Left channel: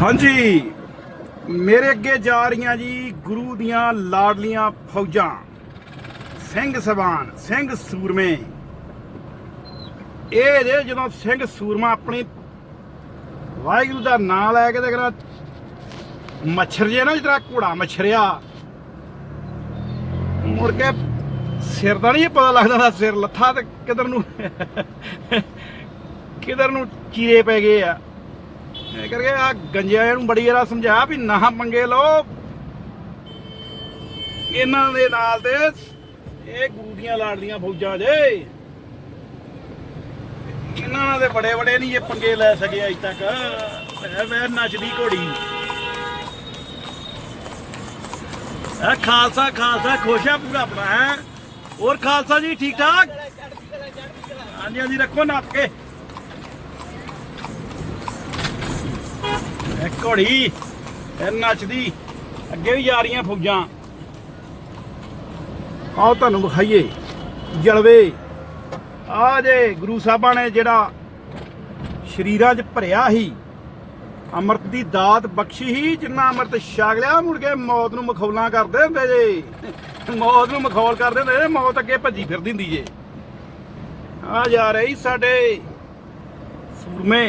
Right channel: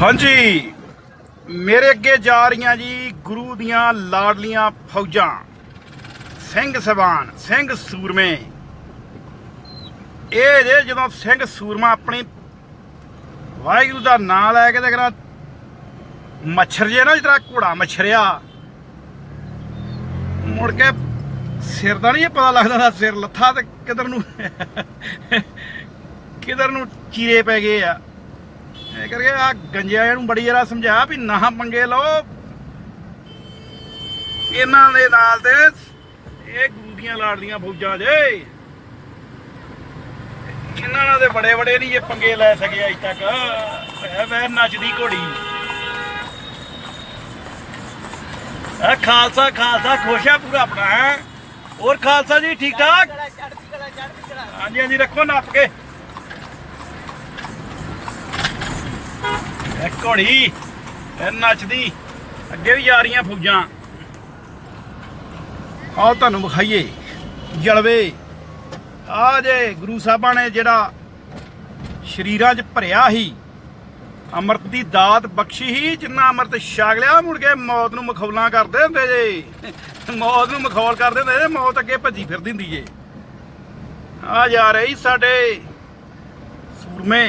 ਹਾਂਜੀ। ਮੇਰੇ ਅੱਗੇ ਜਾ ਰਹੀਆਂ ਜੀ ਗੁਰੂ ਦੀਆਂ ਲਾਡਲੀਆਂ ਫੌਜਾਂ। ਸਿੰਘ ਸਬਾਨ, ਸਿੰਘ ਸੂਰਮੇ। ਇਹ ਜੇ ਜਦੋਂ ਸਿੰਘ ਸੂਰਮਾ ਆਪਣੀ ਵਾਹਿਗੁਰੂ ਦਾ ਨਾਮ ਲੈ ਕੇ ਤੇ ਕਰਾ ਮੱਛਰ ਜੇ ਨਾ ਜਿਹੜਾ ਘੋੜਾ ਮੱਛਰਿਆ, ਮੁੜ ਕੇ ਸਿਰ ਦਾ ਨਹੀਂ ਪਤਾ ਲੱਗਦਾ ਦਾ ਸਿਰ ਲੱਥਾ ਤੇ ਕਿਧਰ ਨੂੰ ਕਿਧਰ ਨੂੰ ਚੀਰੇ ਪੈ ਗਏ ਆ। ਇਹ ਕਰਕੇ ਆ ਗੰਜਿਆਂ ਨੂੰ ਬੜੀ ਵਾਰ ਸਮਝਾ ਵੀ ਨਾ ਪੰਗੇ ਲਓ। ਇਹਨਾਂ ਦੇ ਨਾਲ ਤੇ ਇਹ ਗੁਰੂ ਲਾੜਦੀਆਂ ਫੌਜਾਂ ਜੇ ਇਹਨਾਂ ਨਾਲ ਦੇ ਬੜੇ ਬੜੇ ਨਹੀਂ ਇਹ ਪੰਗੇ ਲੈ ਸਕੇ ਅਜ ਤੱਕ। ਐ ਵੈ ਨੱਚਦੀ ਘੋੜੀ। ਆ ਖਾਲਸਾ ਖਾਲਸਾ, ਖੁਸ਼ ਆ ਪੂਰਾ ਆਪਣਾ ਹੋਰ ਖਾਲਸਾ ਜੀ, ਠੀਕ ਠਾਕ? ਹਾਂਜੀ ਹਾਂਜੀ, ਰੱਖੋ ਨੱਪ ਕੇ। ਇਹ ਘੋੜੀ ਇਹ ਨੱਚਦੀ, ਅੱਗੇ ਵੀ ਜਾ ਰਹੀਆਂ ਫੌਜਾਂ। ਆਓ ਤੁਹਾਨੂੰ ਵਿਖਾਈਏ, ਜਲਵੇ। ਆ ਜੇ ਗੁਰੂ ਸਾਹਿਬਾਂ ਨੇ ਜਿਹੜਾ ਸ਼ਰੀਰਾਂ 'ਚ ਭਰਿਆ ਸੀ, ਅੰਮ੍ਰਿਤ ਦੀ ਦਾਤ ਬਖਸ਼ੀ ਸੀ, ਜਿੰਨਾ ਅੰਮ੍ਰਿਤ ਛਕ ਲਿਆ, ਮੁੜ ਕੇ ਮੌਤ ਨੂੰ ਮਖੌਲਾਂ ਕਰਦੇ ਹੁੰਦੇ ਜੇ। ਮੌਤ ਨੂੰ ਮਖੌਲ ਕਰਦੇ ਹੁੰਦੇ ਜੇ, ਮੌਤ ਅੱਗੇ ਭੱਜੀ ਫਿਰਦੀ ਹੁੰਦੀ ਜੇ। ਆ ਜਾ ਰਹੀ ਸਾਡੇ ਸੂਰਮੇ।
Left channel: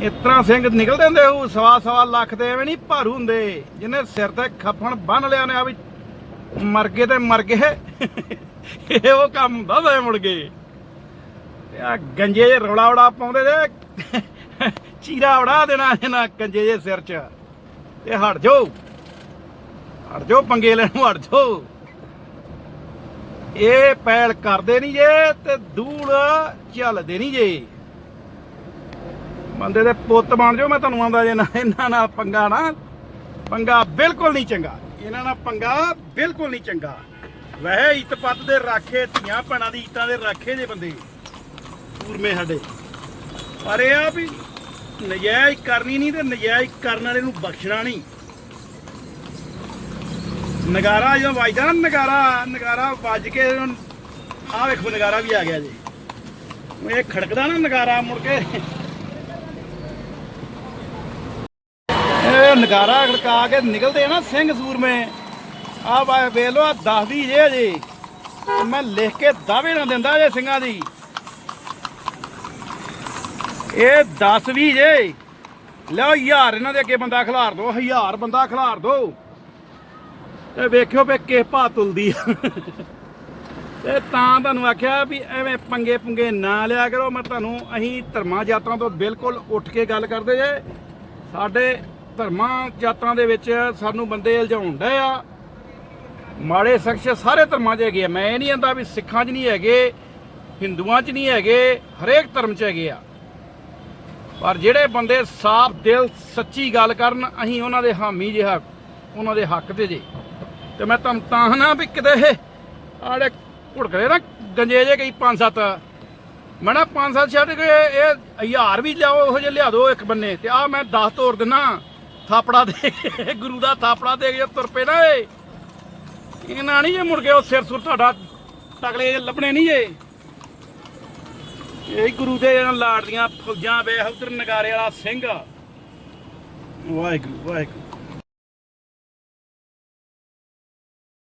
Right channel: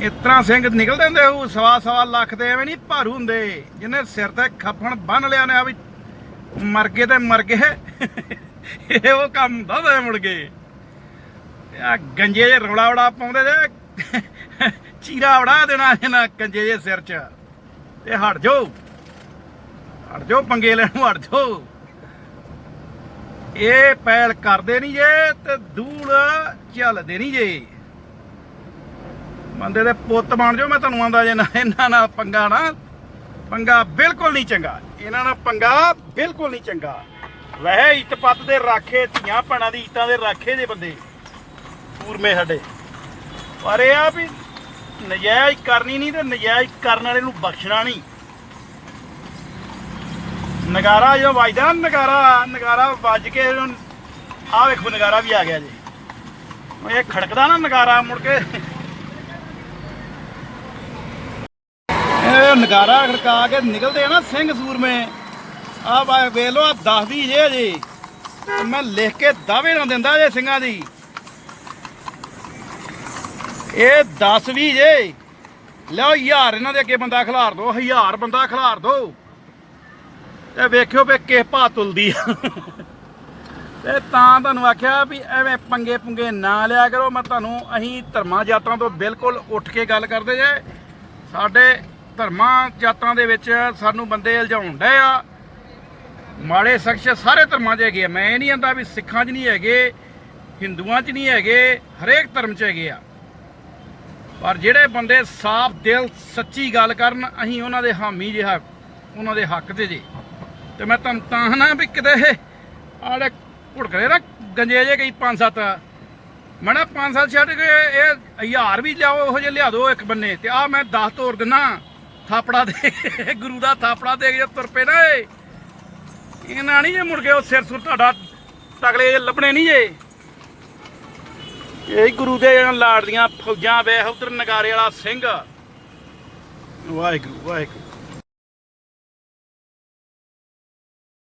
ਇਸ ਤਰ੍ਹਾਂ ਸਿੰਘ ਨਿਕਲਦੇ ਹੁੰਦੇ ਉਹ ਸਵਾ ਸਵਾ ਲੱਖ ਦੇ ਐਵੇਂ ਨਹੀਂ ਭਾਰੂ ਹੁੰਦੇ, ਜਿਹਨੇ ਸਿਰ ਤੇ ਖੱਫਣ ਬੰਨ ਲਿਆ ਨੇ ਆ ਵੀ ਮਰ ਗਏ ਤੇ ਮਰ ਗਏ। ਇਹ ਉਹ ਕੰਮ ਹੁੰਦਾ ਵੇ ਮੁੜ ਗਏ ਆ ਗੰਜੇ ਜੇ ਰੌਲਾ ਵੜਾ ਪਾਉਂਦੇ ਜੇ, ਚੀਰਾ ਵੜਾ ਦੇਣਾ ਇਹਨਾਂ ਗੰਜੇ ਜੇ ਸਿਰ 'ਚ। ਤੇ ਹਟ ਜਾਓ ਹਟ ਜਾਓ ਪੰਗੇ ਲੈਣ ਨੂੰ, ਹਟ ਜਾਓ। ਇਹ ਪੈਲ ਕਰਦੇ ਨਹੀਂ ਜੇ ਤੇ ਦੂਲ ਚੱਲਦੇ ਨਹੀਂ ਜੇ। ਬੰਦੇ ਦੇ ਪੁੱਤ ਬਣ ਜਾਓ, ਮੈਂ ਤੁਹਾਨੂੰ ਆਂਦਾ ਜੇ ਨਾ, ਇਹਨਾਂ ਨਾਲ ਪੰਗਾ ਨਾ, ਪੰਗਾ ਬਿਲਕੁਲ ਨਹੀਂ ਚੰਗਾ। ਇਹਨਾਂ ਨਾਲ ਪੰਗਾ ਬਿਲਕੁਲ ਨਹੀਂ ਚੰਗਾ। ਵਹਿ ਇਤਪਤ ਦੇ ਰਾਖੇ, ਧੀਆਂ ਭੈਣਾਂ ਦੀ ਇੱਟਾਂ ਦੇ ਰਾਖੇ ਦੇ ਬੰਦੇ ਪੂਰਮੇ ਸਾਡੇ। ਪਰ ਇਹ ਆ ਵੀ ਨਜਾਇਜ਼ ਕਰਨੀ ਨਹੀਂ ਤੇ ਨਜਾਇਜ਼ ਕਰਨ ਵਾਲੇ ਨੂੰ ਬਖਸ਼ਣਾ ਨਹੀਂ। ਨਗਾਰਾ ਜਦੋਂ ਵੱਜਦਾ ਨਾ, ਨਗਾਰਾ ਨਗਾਰਾ ਵੱਜ ਕੇ ਆ ਵੇਖੋ, ਨਗਾਰਾ ਵੀ ਆ ਗਿਆ ਜੀ। ਇਹ ਖੜਕਦਾ ਨਾ ਨਗਾਰਾ ਮੁੜ ਕੇ। ਇਹ ਨਗਾਰਾ ਖੜਕਾ ਕੇ ਨਿਕਲਦੇ ਆ ਨਾ ਸਿੰਘ ਸੂਰਮੇ। ਆ ਵਾ ਵੇਖ ਲੋ ਆ ਦੱਸਦੀ ਜੇ ਜੀ ਮੈਂ ਲਿਖ ਕੇ ਦਾਅਵੇ ਨਾ ਦਿੰਦਾ ਜੇ ਸਿੰਘਾਂ ਦੀ। ਇਹ 10 ਵੀ ਜੇ। ਲਓ ਹਜ਼ਾਰ, ਇਹਨਾਂ ਦੇ ਅੱਗੇ ਬੰਦਾ ਖਿਲਾਰ ਦੋ, ਹਜ਼ਾਰ ਬੰਦਾ ਖਿਲਾਰ ਦੋ। ਤੇ ਵੇਖਿਓ ਵੀ ਕਿਸ ਭਾ ਤੁਲਦੀ ਆ। ਤੇ ਤਾਂ ਤੁਹਾਨੂੰ ਆਖਿਆ ਵੀ ਐਵੇਂ ਪੰਗੇ ਪੁੰਗੇ ਨਾ ਲਿਆ ਕਰੋ। ਮੈਂ ਤੁਹਾਨੂੰ ਅਸੀਂ ਧਰਮਾਂ ਜਾਤਾਂ ਤੋਂ ਬਿਲਕੁਲ ਉੱਠ ਕੇ ਗੱਲ ਕਰਦੇ ਜੇ। ਸਾਡੇ ਧਰਮਾਂ ਜਾਤਾਂ ਦੇ ਵਿੱਚ ਸਾਨੂੰ ਬੰਦੇ ਇਲਝਾਉਣ ਡਏ ਆ। ਮਾੜੇ ਸ਼ਖਸ ਸਾਰੇ ਧਰਮਾਂ 'ਚ ਹੈਗੇ ਆ। ਮੈਂ ਇਹ ਨਹੀਂ ਆਂਦਾ ਵੀ ਸਿੱਖਾਂ 'ਚ ਨਹੀਂ ਹੈਗੇ, ਹਿੰਦੂਆਂ 'ਚ ਨਹੀਂ ਹੈਗੇ, ਹਰੇਕ ਧਰਮ 'ਚ ਹੈਗੇ ਆ। ਪਰ ਜਿਹੜੇ ਬੰਦੇ ਸਾਫ਼ ਦਿਲ, ਸੱਚੀ ਗੱਲ ਕਰਨ, ਅਸੀਂ ਉਹਨਾਂ ਦੇ ਹਾਮੀ ਜਿਹਾ, ਉਹਨਾਂ ਦੇ ਹੱਕ ਤੇ ਜੇ। ਤੇ ਮੈਂ ਤੁਹਾਨੂੰ ਤਾਂ ਨਾ ਵੀ ਕਿਤੇ ਆੜੇ ਘੁੜਕਦੇ ਨਾ, ਗੰਜੇ ਜੇ ਕਈ ਪੰਜ ਸੱਤ। ਮੈਂ ਨਾ ਪੰਜ ਸੱਤ ਛੱਡ ਕੇ ਇਹ ਹਜ਼ਾਰ ਵੀ ਲਿਆਓ, ਇਹੋ ਜਿਹੇ ਲਿਆ ਦਿਓ ਇੱਕ ਬੰਨੇ। ਤੇ ਆ ਮੈਂ 10 ਤੋੜ ਦਿਨਾ। ਥਾਪੜਾ ਦੇ ਗੁਰੂ ਦਾ ਥਾਪੜਾ ਦੇ ਕੇ ਤੁਰ ਪਏ ਨਾ ਇਹ। ਇਹਨਾਂ ਨਹੀਂ ਜੇ ਮੁੜ ਕੇ ਉਹ ਸਿਰ ਸੁਰ ਤੁਹਾਡਾ ਤਗਲੇ ਲੱਭਣੇ ਨਹੀਂ ਜੇ। ਇਹ ਗੁਰੂ ਦੇ ਲਾੜ ਦੀਆਂ ਫੌਜਾਂ ਵੇਖ ਉਧਰ ਨਗਾਰੇ ਵਾਲਾ ਸਿੰਘ। ਵਾਹਿਗੁਰੂ ਵਾਹਿਗੁਰੂ।